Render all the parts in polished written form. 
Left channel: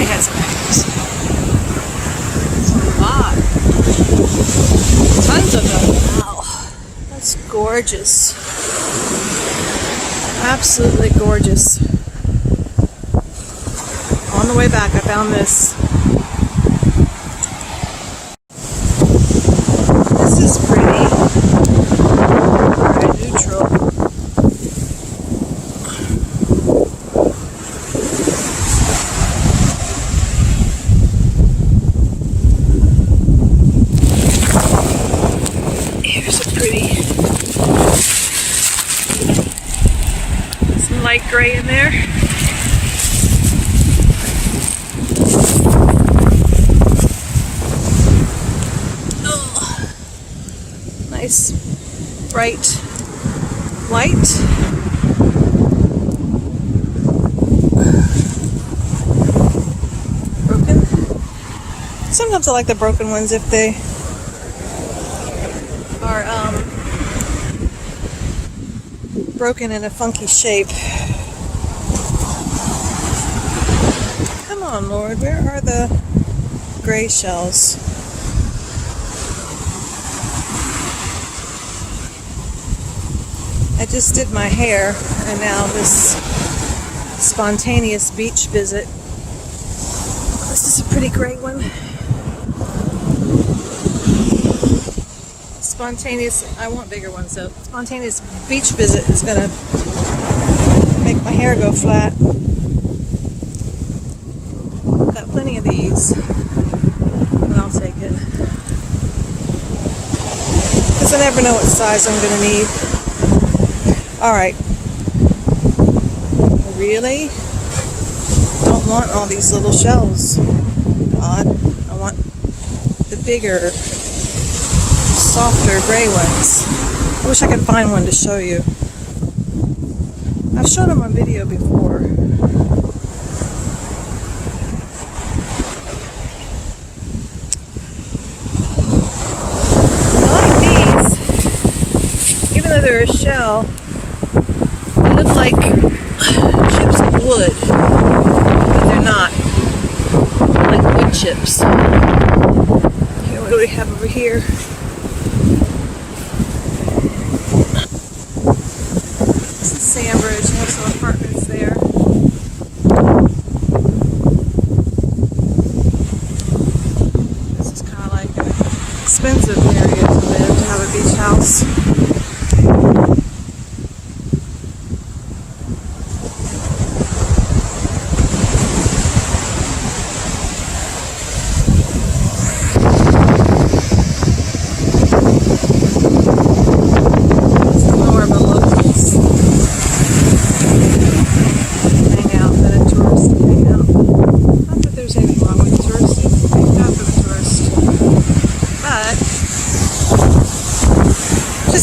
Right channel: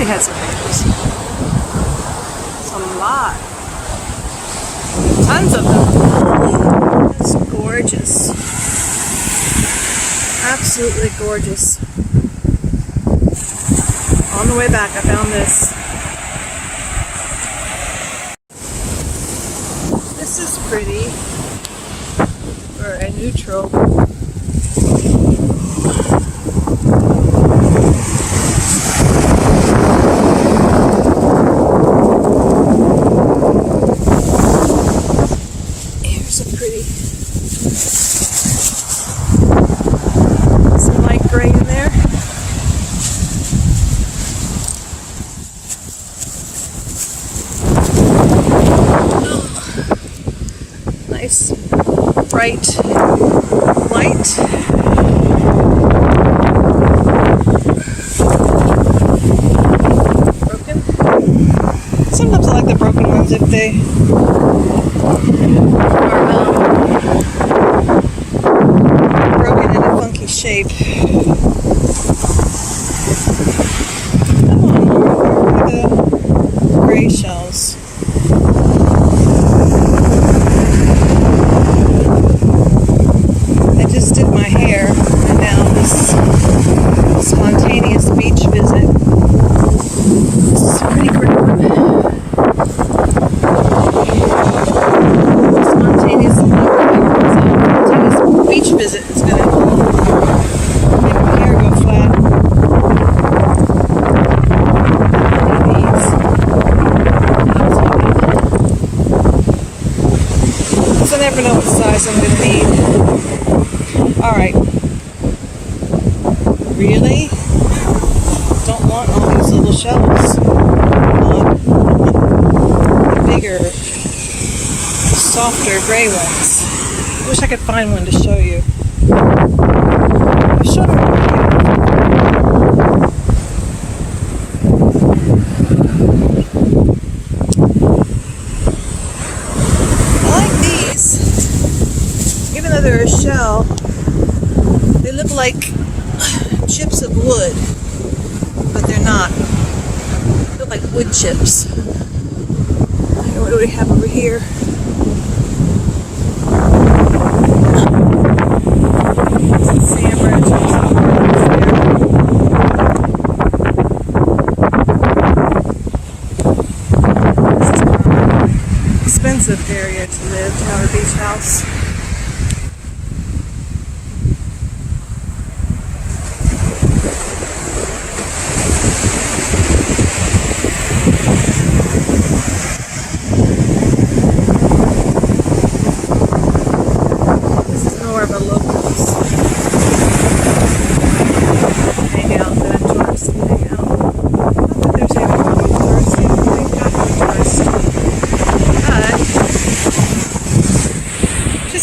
they had some hangers. It's a lot. Tons of them. That's gorgeous. Absolutely gorgeous. On the way back, I found this. This is pretty. Alright, neutral. Here's a pretty. Some light gray in there. Nice bright light. Broken. Sometimes I like the broken ones if they are broken in a funky shape. Come on, Lord, where are the gray shells? I just did my hair, and now this spontaneous beach visit. This is a pretty great one. Spontaneous beach visit is gonna make my hair go flat. Got plenty of these. I'll take it. Because I never know what size I'm gonna need. Alright. Really? Don't want all these little shells. I want the bigger, softer gray ones. I wish I could find one to show you. I've shown them on video. I like these. Even though they're a shell, they look like chips of wood, but they're not. They're like wood chips. Here, what do we have over here? This is Sandbridge. There's some apartments there. This is kind of like an expensive area to live, to have a beach house.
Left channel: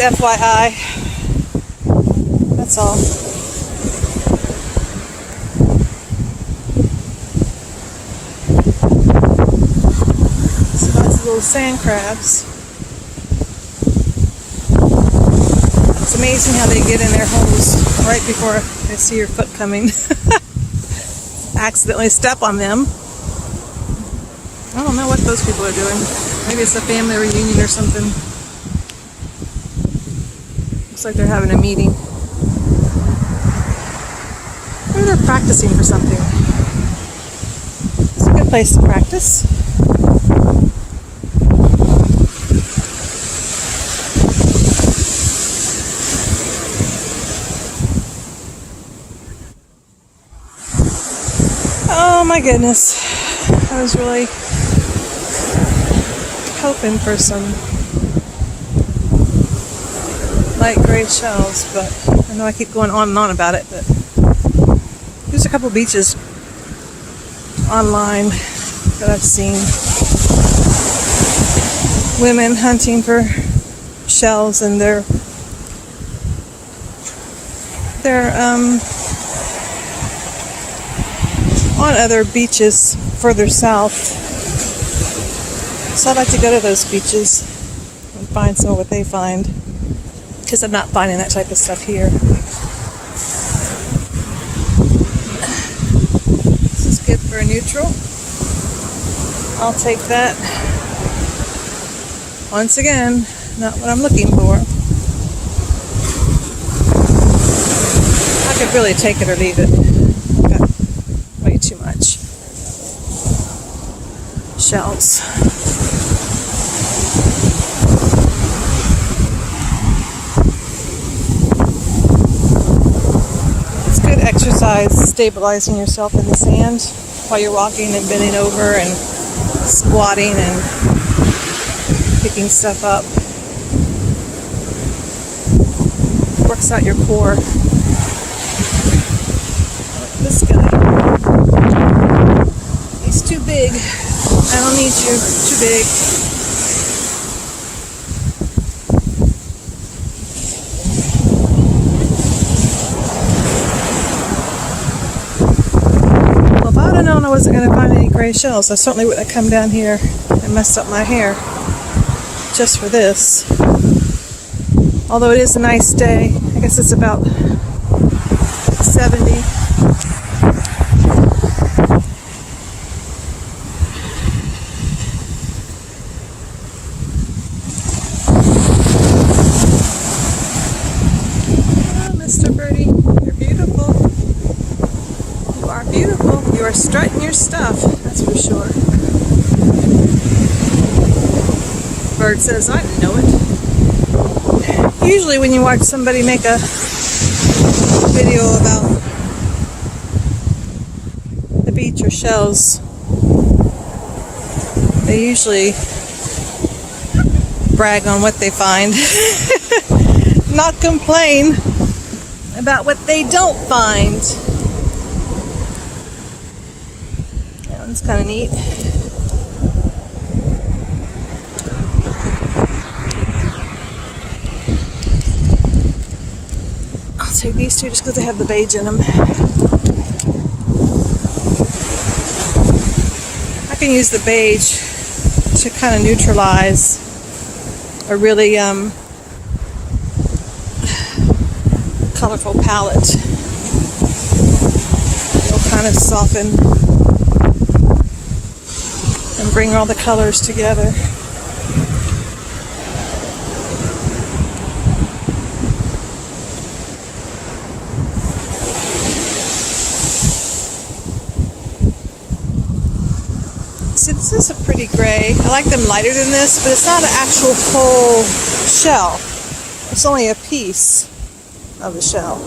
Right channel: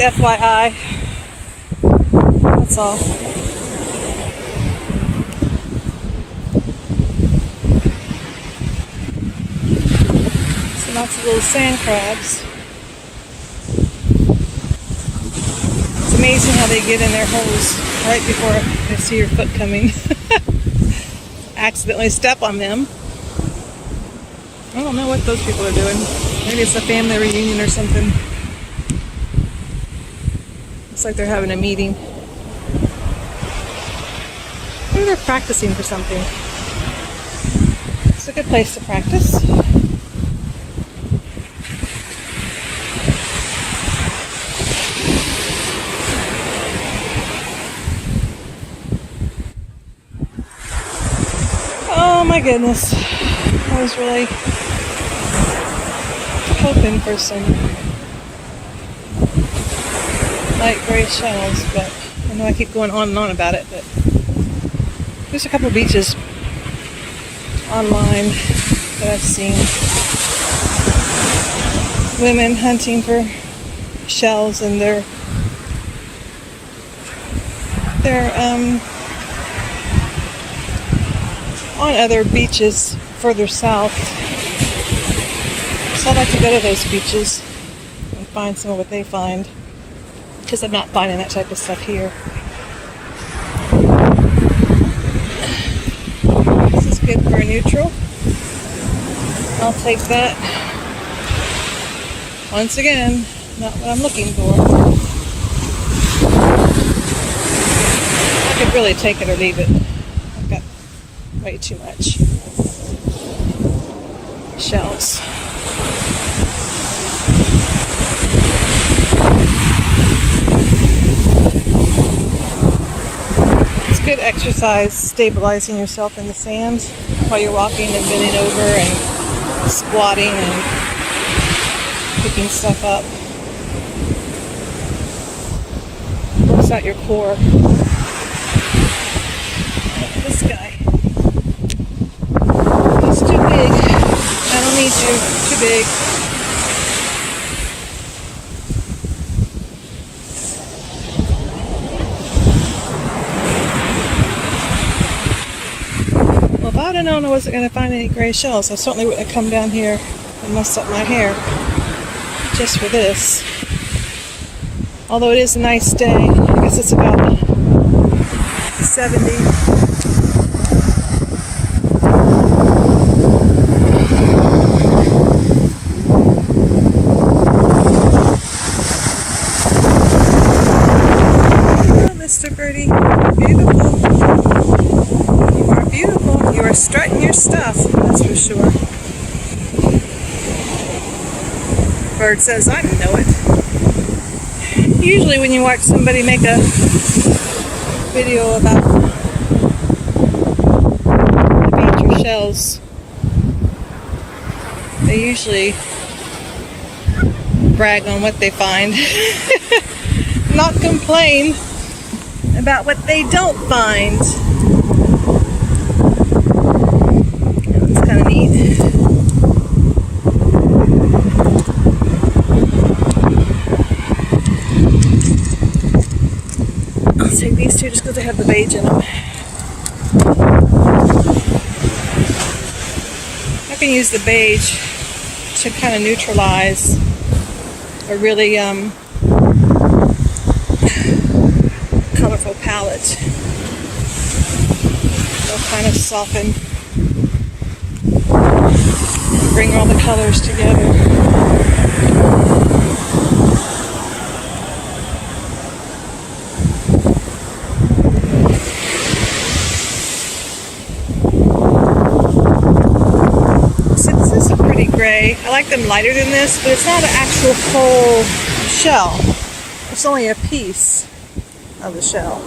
FYI, that's all. See lots of little sand crabs. It's amazing how they get in their holes right before they see your foot coming. Accidentally step on them. I don't know what those people are doing. Maybe it's a family reunion or something. Looks like they're having a meeting. Maybe they're practicing for something. It's a good place to practice. Oh my goodness. I was really hoping for some light gray shells, but I know I keep going on and on about it, but there's a couple beaches online that I've seen. Women hunting for shells, and they're on other beaches further south. So I'd like to go to those beaches and find some of what they find, because I'm not finding that type of stuff here. This is good for a neutral. I'll take that. Once again, not what I'm looking for. I could really take it or leave it. I've got way too much shells. It's good exercise stabilizing yourself in the sand while you're walking and bending over and squatting and picking stuff up. Works out your core. This guy, he's too big. I don't need you. Too big. Well, if I'd have known I wasn't going to find any gray shells, I certainly wouldn't have come down here and messed up my hair just for this. Although it is a nice day. I guess it's about 70. Mr. Birdie, you're beautiful. You are beautiful. You are strutting your stuff, that's for sure. Bird says, I didn't know it. Usually when you watch somebody make a video about the beach or shells, they usually brag on what they find. Not complain about what they don't find. That one's kind of neat. I'll take these two just because they have the beige in them. I can use the beige to kind of neutralize a really colorful palette. It'll kind of soften and bring all the colors together. So this is a pretty gray. I like them lighter than this, but it's not an actual whole shell. It's only a piece of the shell.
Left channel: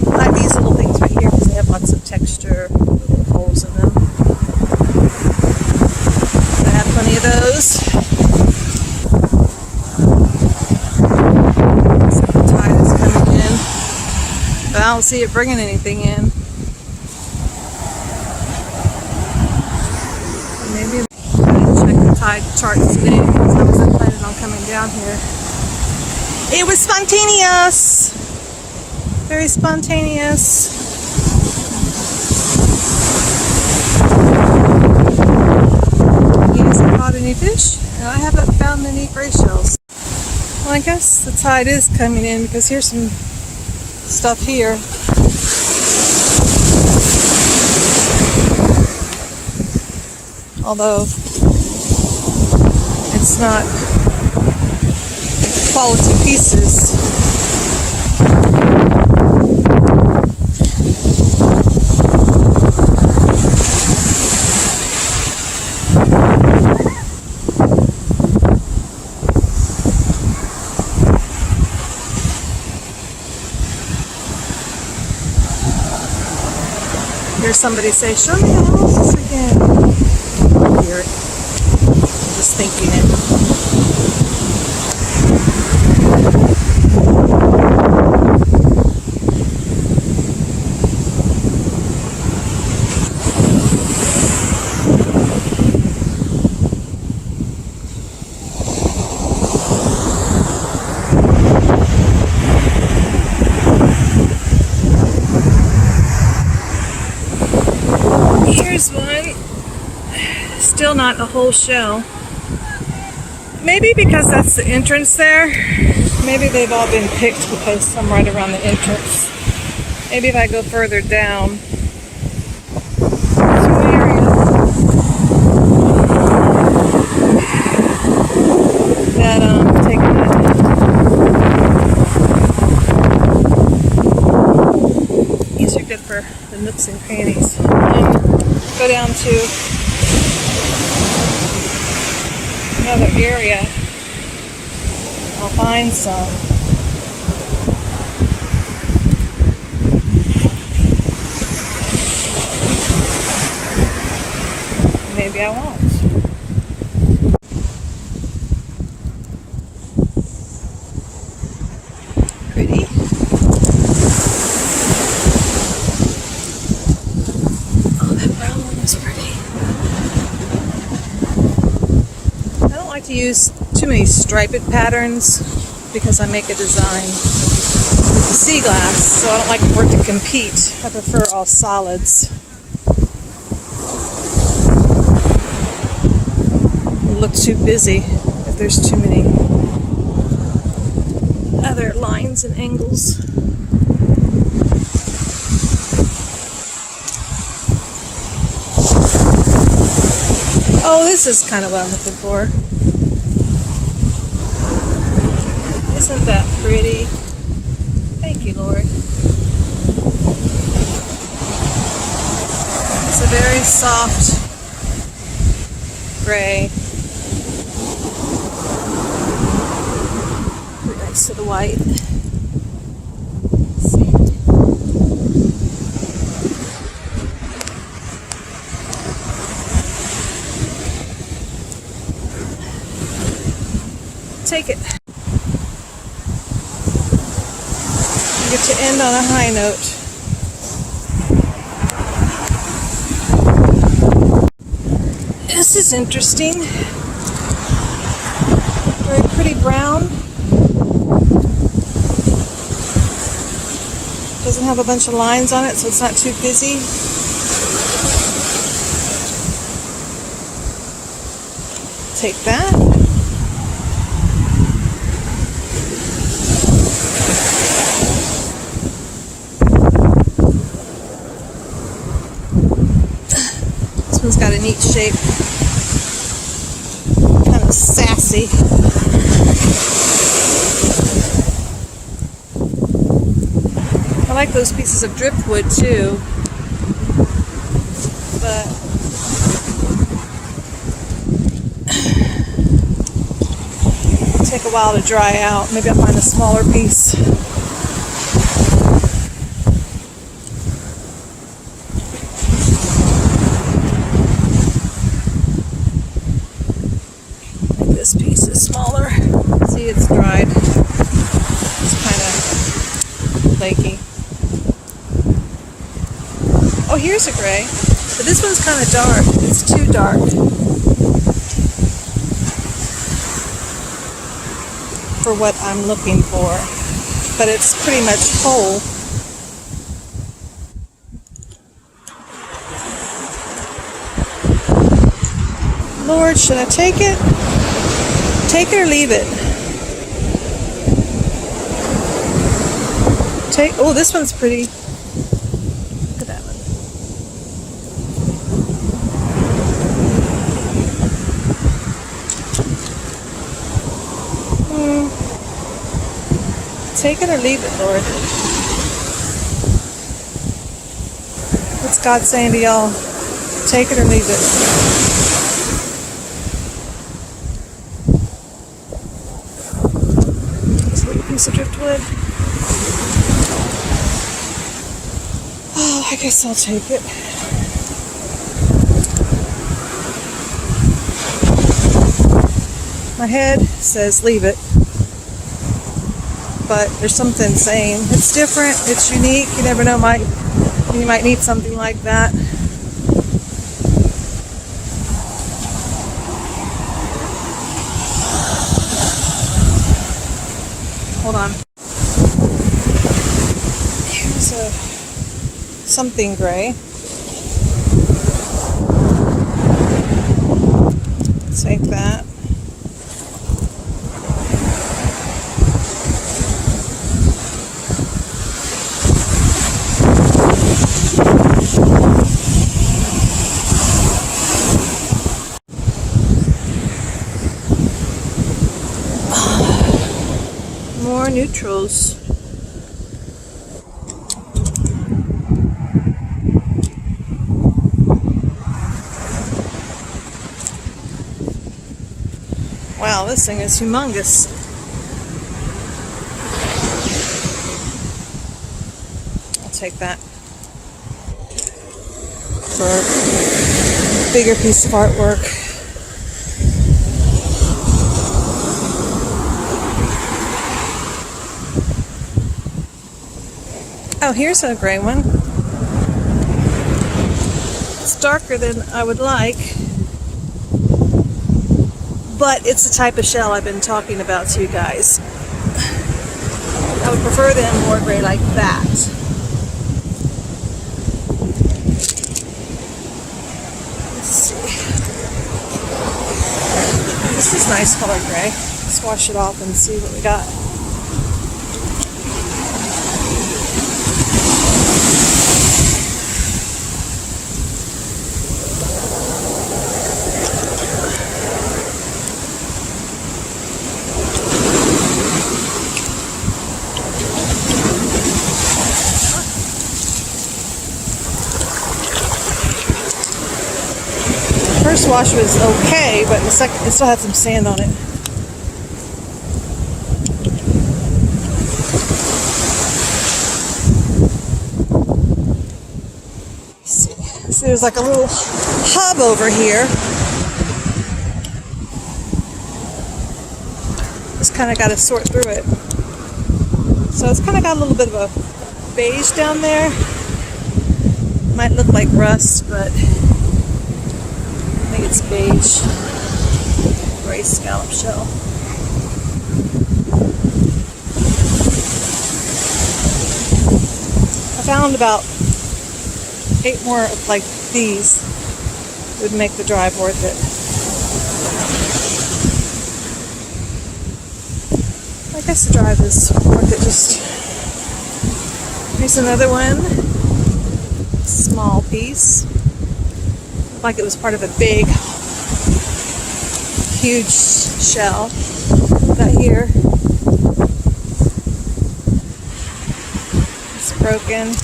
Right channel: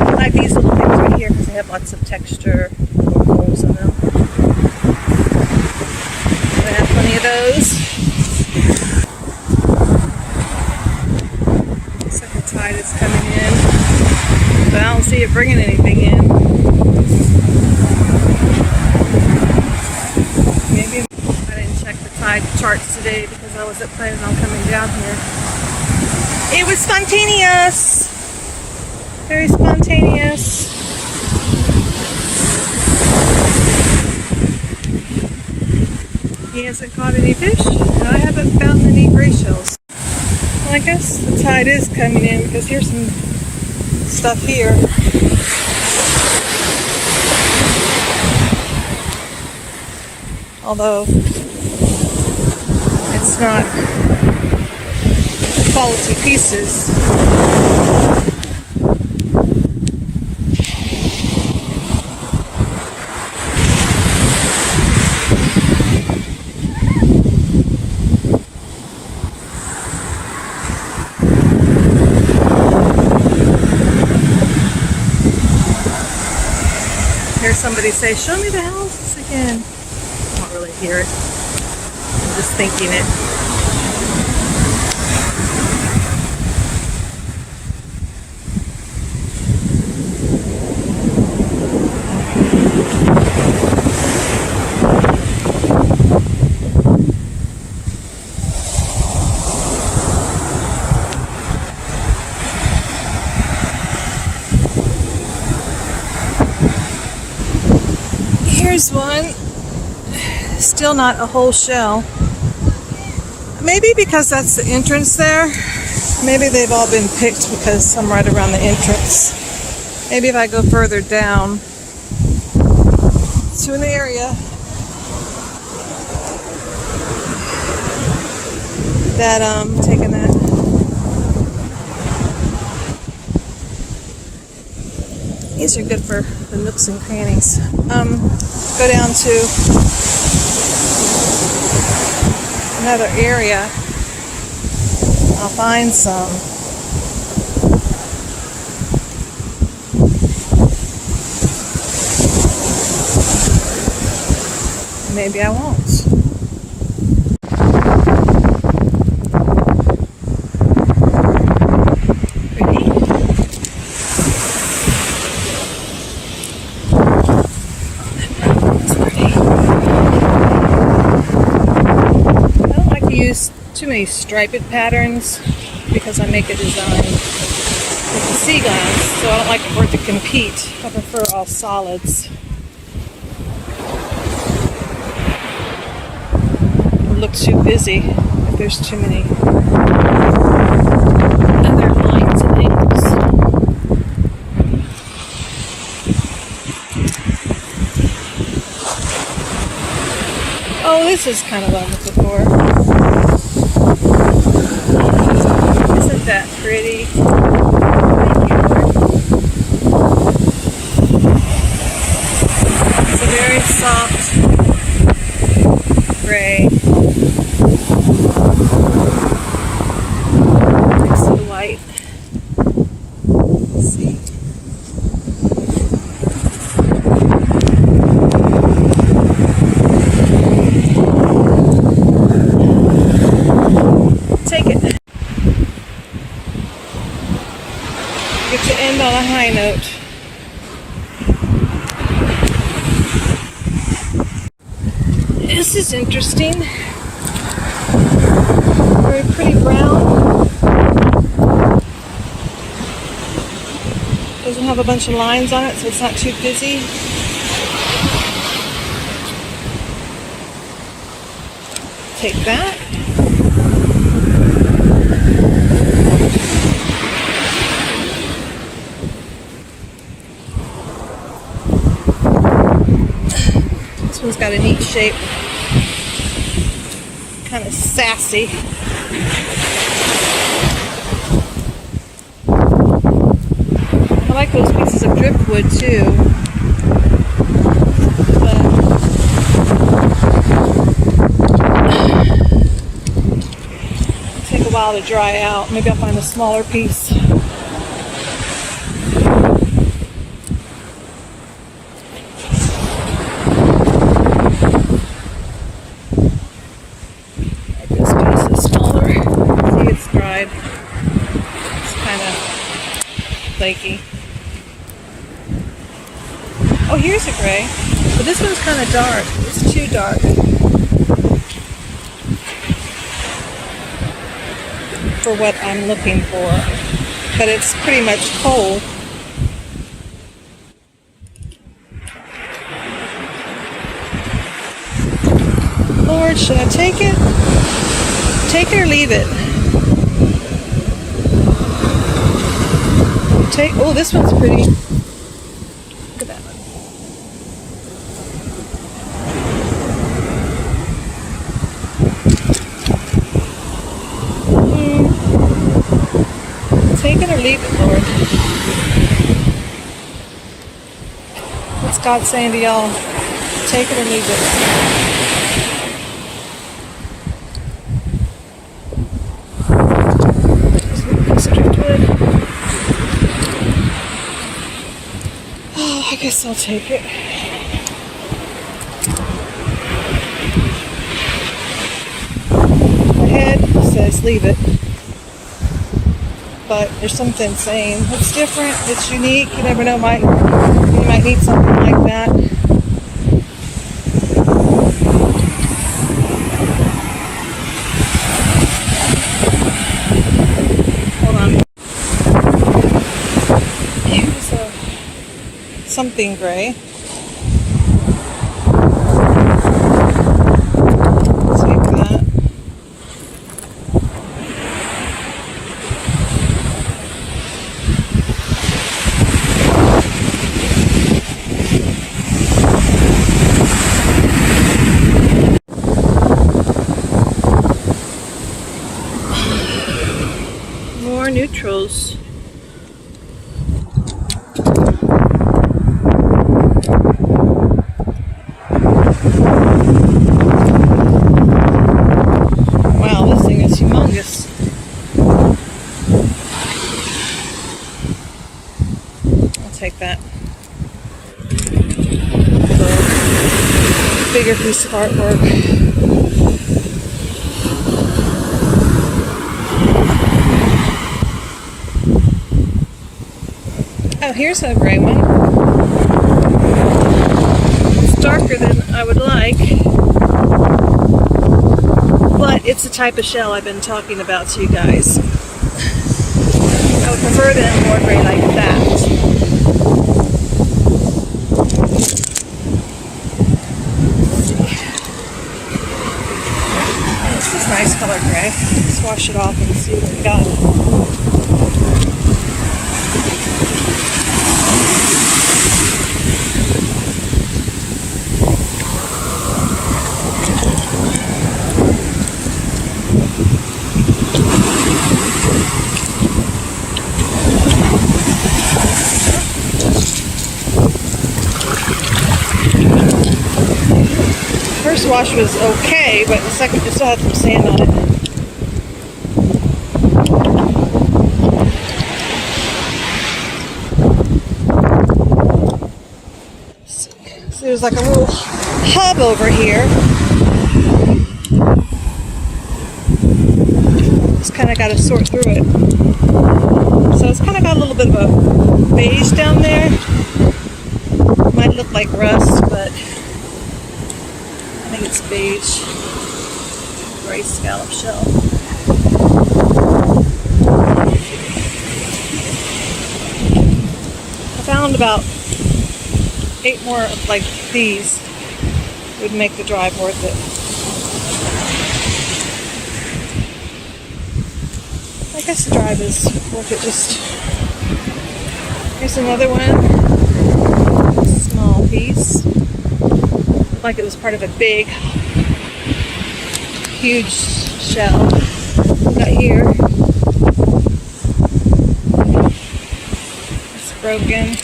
I like these little things right here because they have lots of texture, little holes in them. I have plenty of those. Except the tide is coming in, but I don't see it bringing anything in. Maybe tide charts today because I wasn't planning on coming down here. It was spontaneous. Very spontaneous. He hasn't caught any fish, and I haven't found any gray shells. Well, I guess the tide is coming in because here's some stuff here. Although it's not quality pieces. Hear somebody say, "Show me the houses again." I don't really hear it. I'm just thinking it. Here's one. Still not a whole shell. Maybe because that's the entrance there. Maybe they've all been picked because I'm right around the entrance. Maybe if I go further down to an area that take that. These are good for the nooks and crannies. Go down to another area. I'll find some. Maybe I won't. Pretty. Oh, that brown one was pretty. I don't like to use too many striped patterns because I make a design with the sea glass, so I don't like for it to compete. I prefer all solids. It'll look too busy if there's too many other lines and angles. Oh, this is kind of what I'm looking for. Isn't that pretty? Thank you, Lord. It's a very soft gray next to the white. Let's see. Take it. Get to end on a high note. This is interesting. Very pretty brown. Doesn't have a bunch of lines on it, so it's not too busy. Take that. This one's got a neat shape. Kind of sassy. I like those pieces of driftwood too. But it'll take a while to dry out. Maybe I'll find a smaller piece. This piece is smaller. See, it's dried. It's kind of flaky. Oh, here's a gray. But this one's kind of dark. It's too dark for what I'm looking for. But it's pretty much whole. Lord, should I take it? Take it or leave it? Oh, this one's pretty. Look at that one. Take it or leave it, Lord. What's God saying to y'all? Take it or leave it. Piece of driftwood. Oh, I guess I'll take it. My head says leave it, but there's something saying it's different, it's unique. You never know, you might need something like that. Hold on. Here's something gray. Take that. more neutrals. Wow, this thing is humongous. I'll take that. It's a bigger piece of artwork. Oh, here's a gray one. It's darker than I would like, but it's the type of shell I've been talking about to you guys. I would prefer them more gray like that. Let's see. This is nice color gray. Let's wash it off and see what we got. First wash was okay, but the second it still had some sand on it. Let's see. So there's like a little hub over here. Just kind of got to sort through it. So it's kind of got a little bit of a beige down there. Might look like rust, but I think it's beige, gray scallop shell. I found about 8 more like these would make the drive worth it. I guess the drive is worth it. Just here's another one, small piece. Like it was part of a big, huge shell. Got here. It's broken.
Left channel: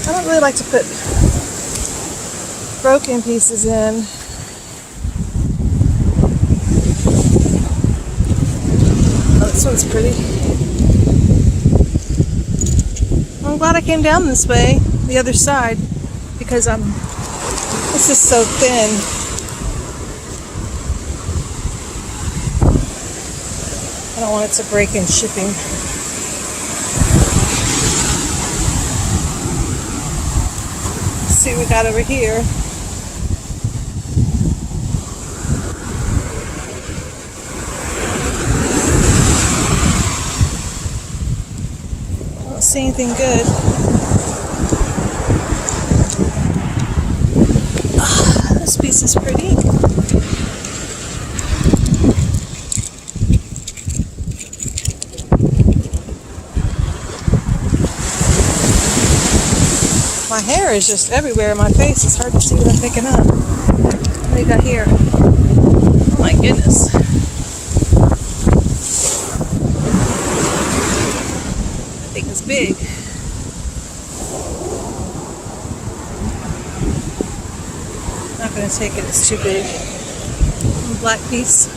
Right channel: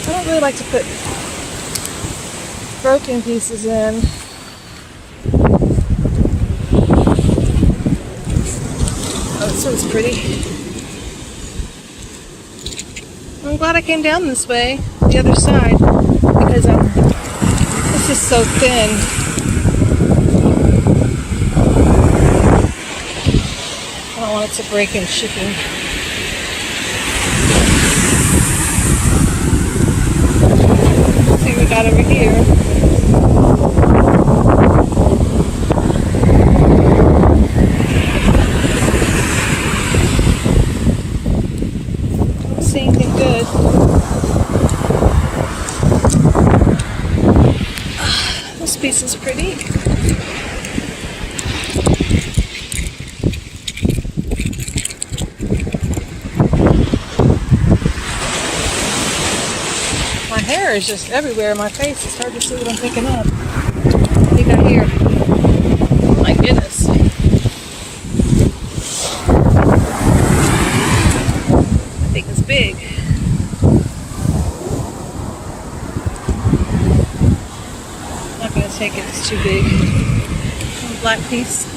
I don't really like to put broken pieces in. Oh, this one's pretty. I'm glad I came down this way, the other side, because this is so thin. I don't want it to break in shipping. Let's see what we got over here. See anything good. This piece is pretty. My hair is just everywhere in my face. It's hard to see what I'm picking up. What do you got here? Oh my goodness. It's big. Not going to take it, it's too big. Little black piece.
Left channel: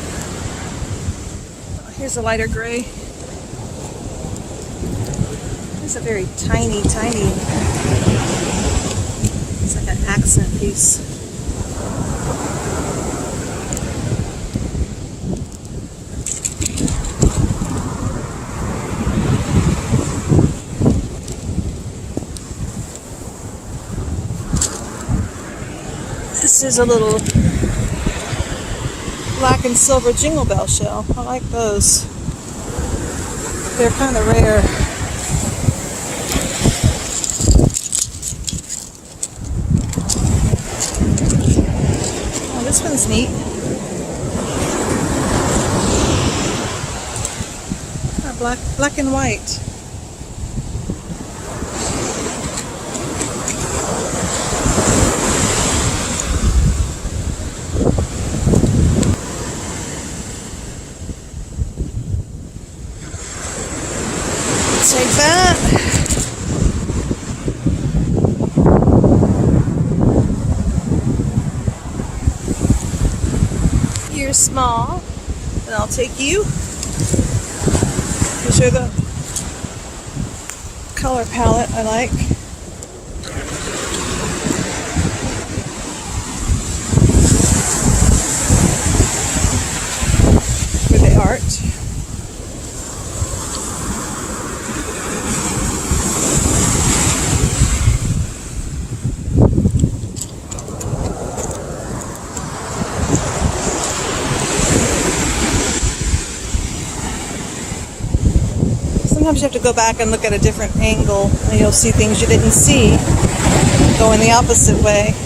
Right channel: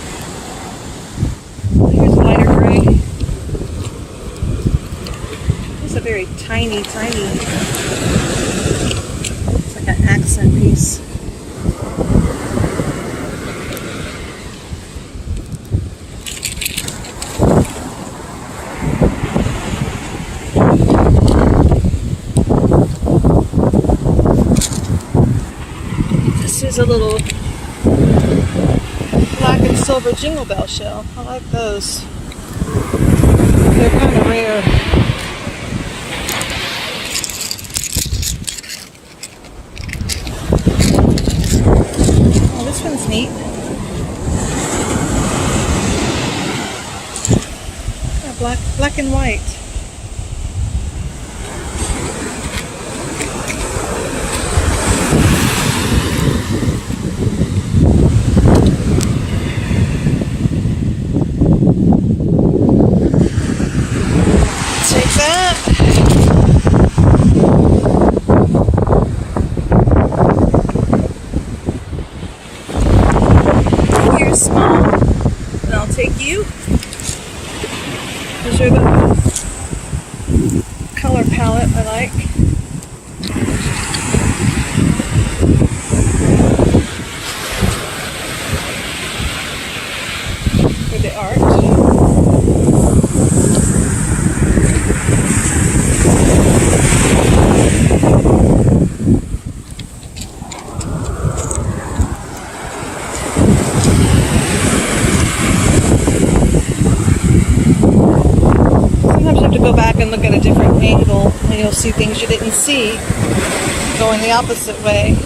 Oh, here's a lighter gray. It's a very tiny, it's like an accent piece. This is a little black and silver jingle bell shell. I like those. They're kind of rare. Oh, this one's neat. Black and white. take you. These are the color palette I like. For the art. Sometimes you have to go back and look at a different angle and you'll see things you didn't see going the opposite way.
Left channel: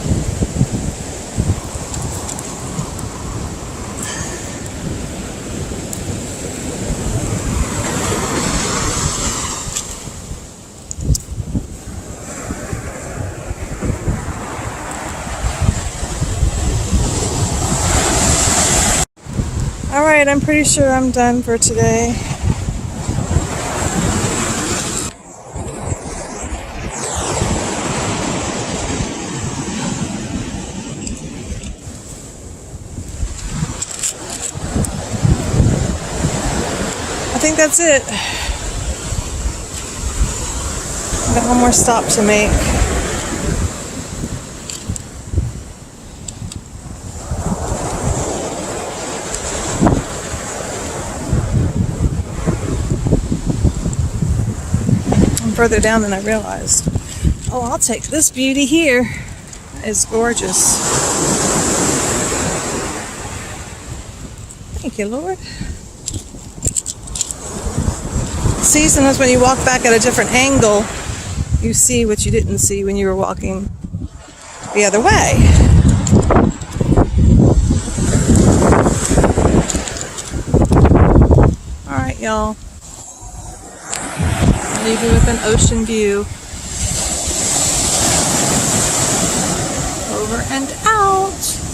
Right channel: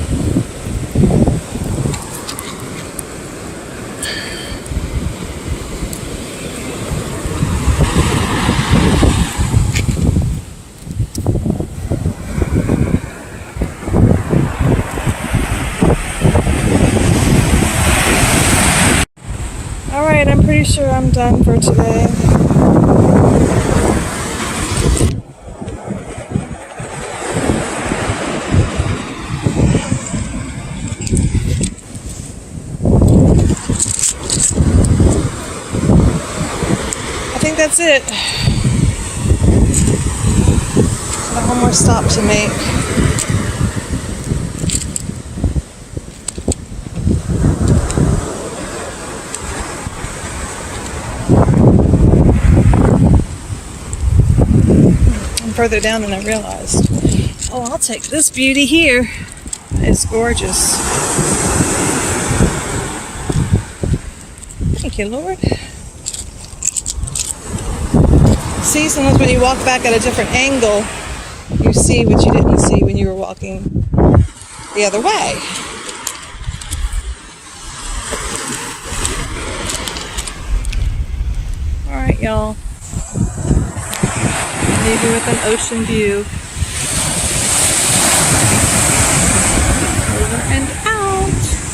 Alright, I'm pretty sure I'm done for today. I think that's it. Got one more stop to make. I'm further down than I realized. Oh, I'll take this beauty here. It's gorgeous. Thank you, Lord. Season is when you walk back at a different angle, you see what you didn't see when you were walking the other way. Alright, y'all. I'll leave you with an ocean view. Over and out.